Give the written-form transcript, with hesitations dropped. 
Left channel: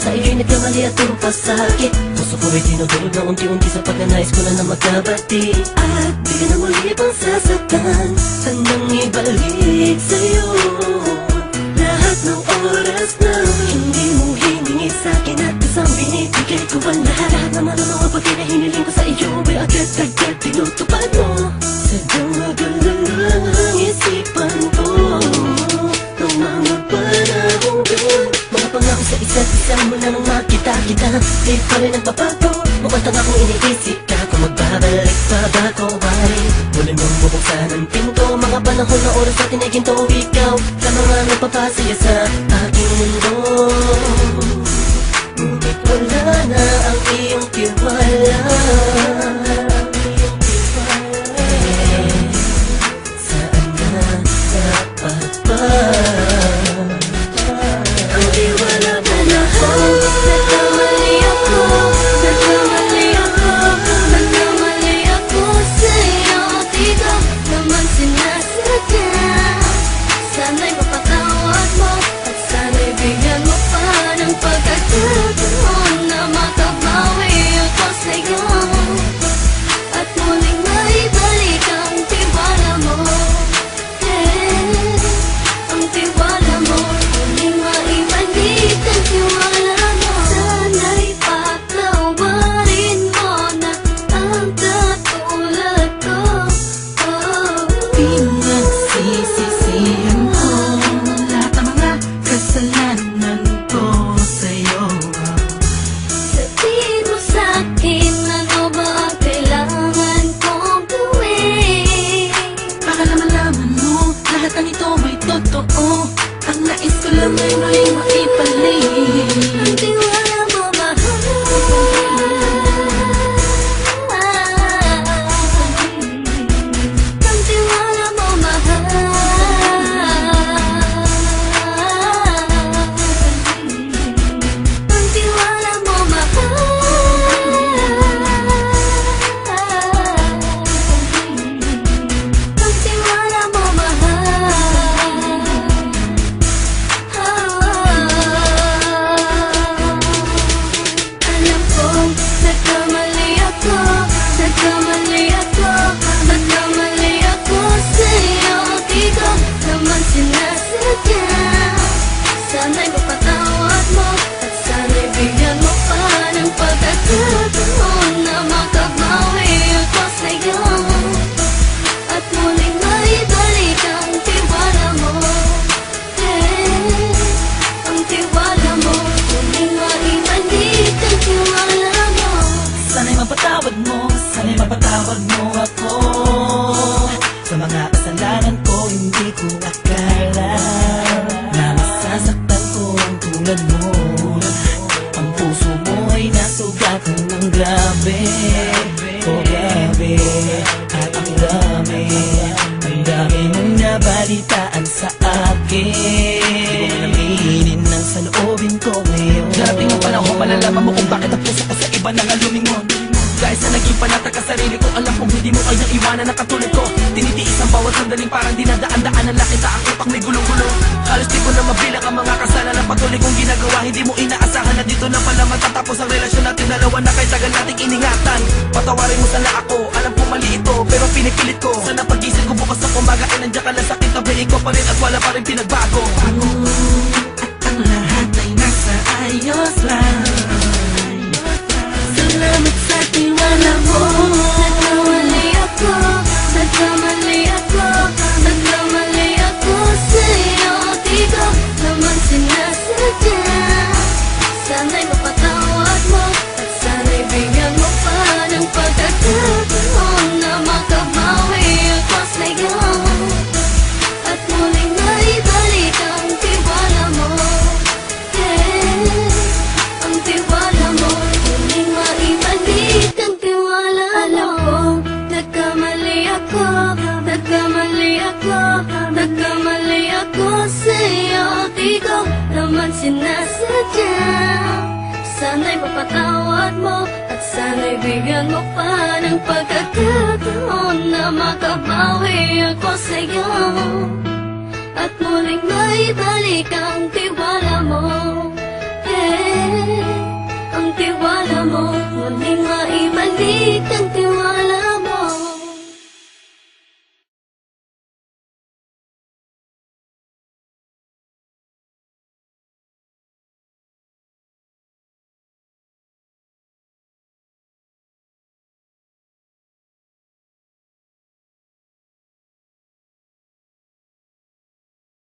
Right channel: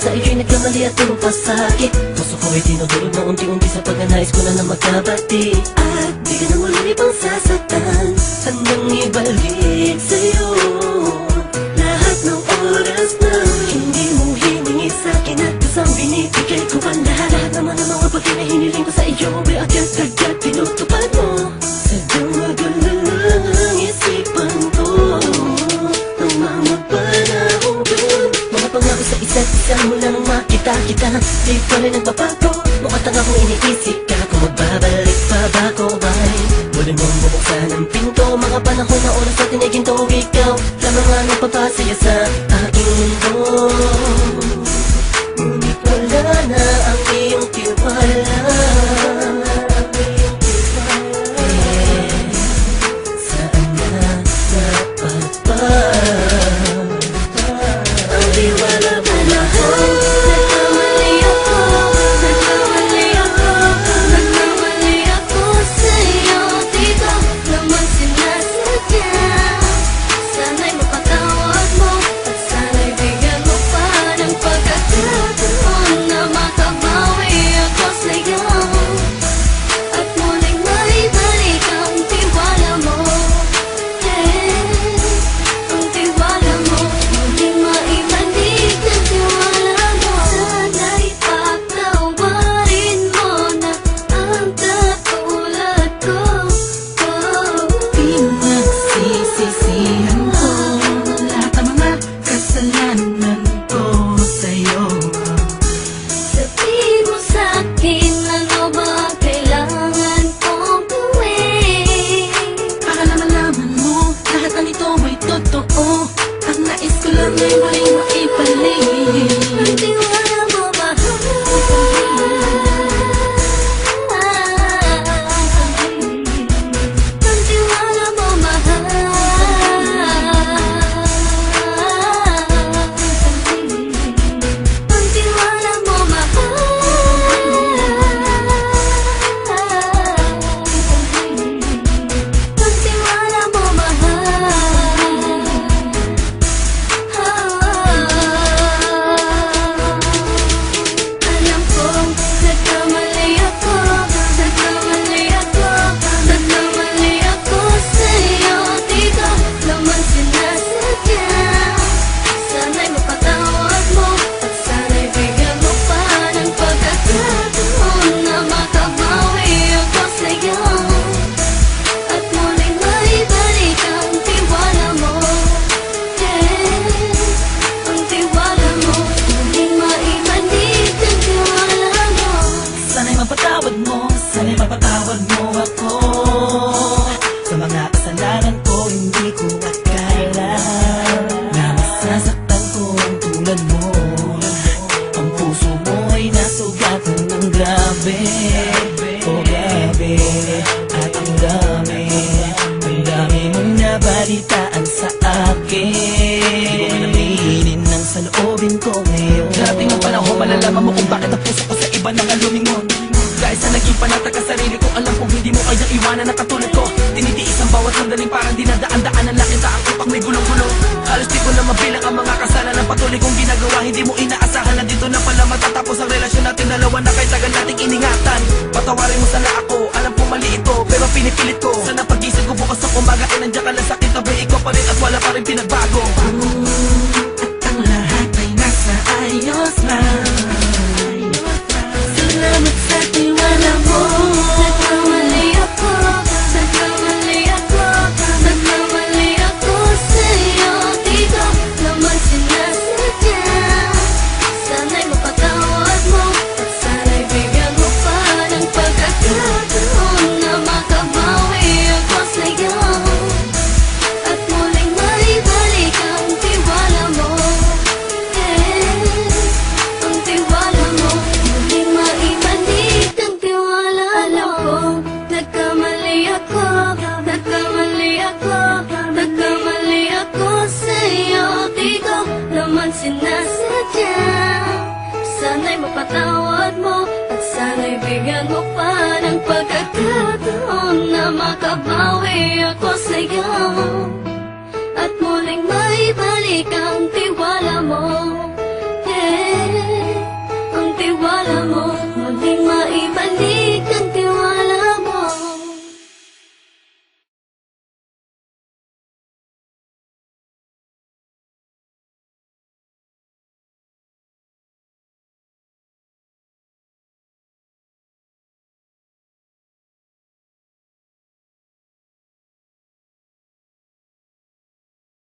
sa iyo'y nagkamali at pinapasakit. Puso ko ay tinudurog na unti-unti sa pagnanais ko na magkabati. At di ka na muli pang sasaktan, handang ibalik sa'yo lahat ng oras na hindi mo hiningi sa'kin at kusang binibigay ko ang lahat. Lahat naman ng mga bagay na hiniling ko sa iyo ay agad-agad tinutupad mo. Sadyang magalang isipan ko ng mga panahong yun. Mga pangako sa isa't isa mula nang makita kita, di pa rin nagbabago. Mukhang akong iniisip ka kung magbabalik pa ba ko ay muli mong bubuksan ang pinto. Mga panahon na oras natin ay ginto, ikaw lamang ang nagpapasaya sa aking mundo. Ngunit wala na ang iyong tiwala. Saan na dapat ba ang tiwala mo mahal? Nagkamali ako, nagkamali ako, nagkamali ako sa'yo. Di ko naman sinasadya. Sana'y mapatawad mo at sana'y bigyan mo pa ng pagkakataon na makabawi ako sa'yo at muling maibalik ang tiwala mo. Ang tiwala mo, muling maibalik ang tiwala mo. Sana'y patawarin mo na ang katulad ko. Pinagsisisihan ko lahat ng mga kasalanan ko sa'yo. Sabihin mo sa'kin ano ba kailangan kong gawin Baka malaman mo lahat ng ito ay totoo. Ang nais ko lang ay muling maibalik ang tiwala mo, mahal. Ang tiwala mo, mahal. Ang tiwala mo, mahal. Ang tiwala mo, mahal. Alam kong nagkamali ako, nagkamali ako, nagkamali ako sa'yo. Di ko naman sinasadya. Sana'y mapatawad mo at sana'y bigyan mo pa ng pagkakataon na makabawi ako sa'yo at muling maibalik ang tiwala mo. Ang tiwala mo, muling maibalik ang tiwala mo. Sana'y mapatawad mo, sana'y mapatawad mo ako sa mga kasalanan ko. Hindi ko akala na masasaktan ko ang tulad mo. Ang puso mo ay nasugatan ng grabe, oh grabe. At ang dami mong nabalitaan sa akin. Di ko man aminin ang saloobin ko ngayon. Darating ang panahon, malalaman mo kung bakit ang puso ko sa iba nang alumingon. Dahil sa naging panatag ka sarili ko, alam kong hindi mo kayang iwanan na katulad ko. Tinitiis ang bawat sandaling parang dinadaan-daan ang lakita ang utak may gulong-gulo. Halos di ko na mabilang ang mga kasalanan patuloy kong ginagawa. Hindi mo inaasahan na dito na pala matatapos ang relasyon natin dalawa na kahit tagal nating iningatan. Patawarin mo sana ako, alam kong mali ito pero pinipilit ko. Sana pag-isip ko bukas ng umaga ay nandiyan ka lang sa akin, tabi ko pa rin at wala pa rin pinagbago. At ang lahat ay nasa ayos lang. Salamat sa tiwala mo. Nagkamali ako, nagkamali ako, nagkamali ako sa'yo. Di ko naman sinasadya. Sana'y mapatawad mo at sana'y bigyan mo pa ng pagkakataon na makabawi ako sa'yo at muling maibalik ang tiwala mo. Ang tiwala mo, muling maibalik ang tiwala mo. Alam kong nagkamali ako, nagkamali ako, nagkamali ako sa'yo. Di ko naman sinasadya. Sana'y mapatawad mo at sana'y bigyan mo pa ng pagkakataon na makabawi ako sa'yo at muling maibalik ang tiwala mo. tiwala mo, muling maibalik ang tiwala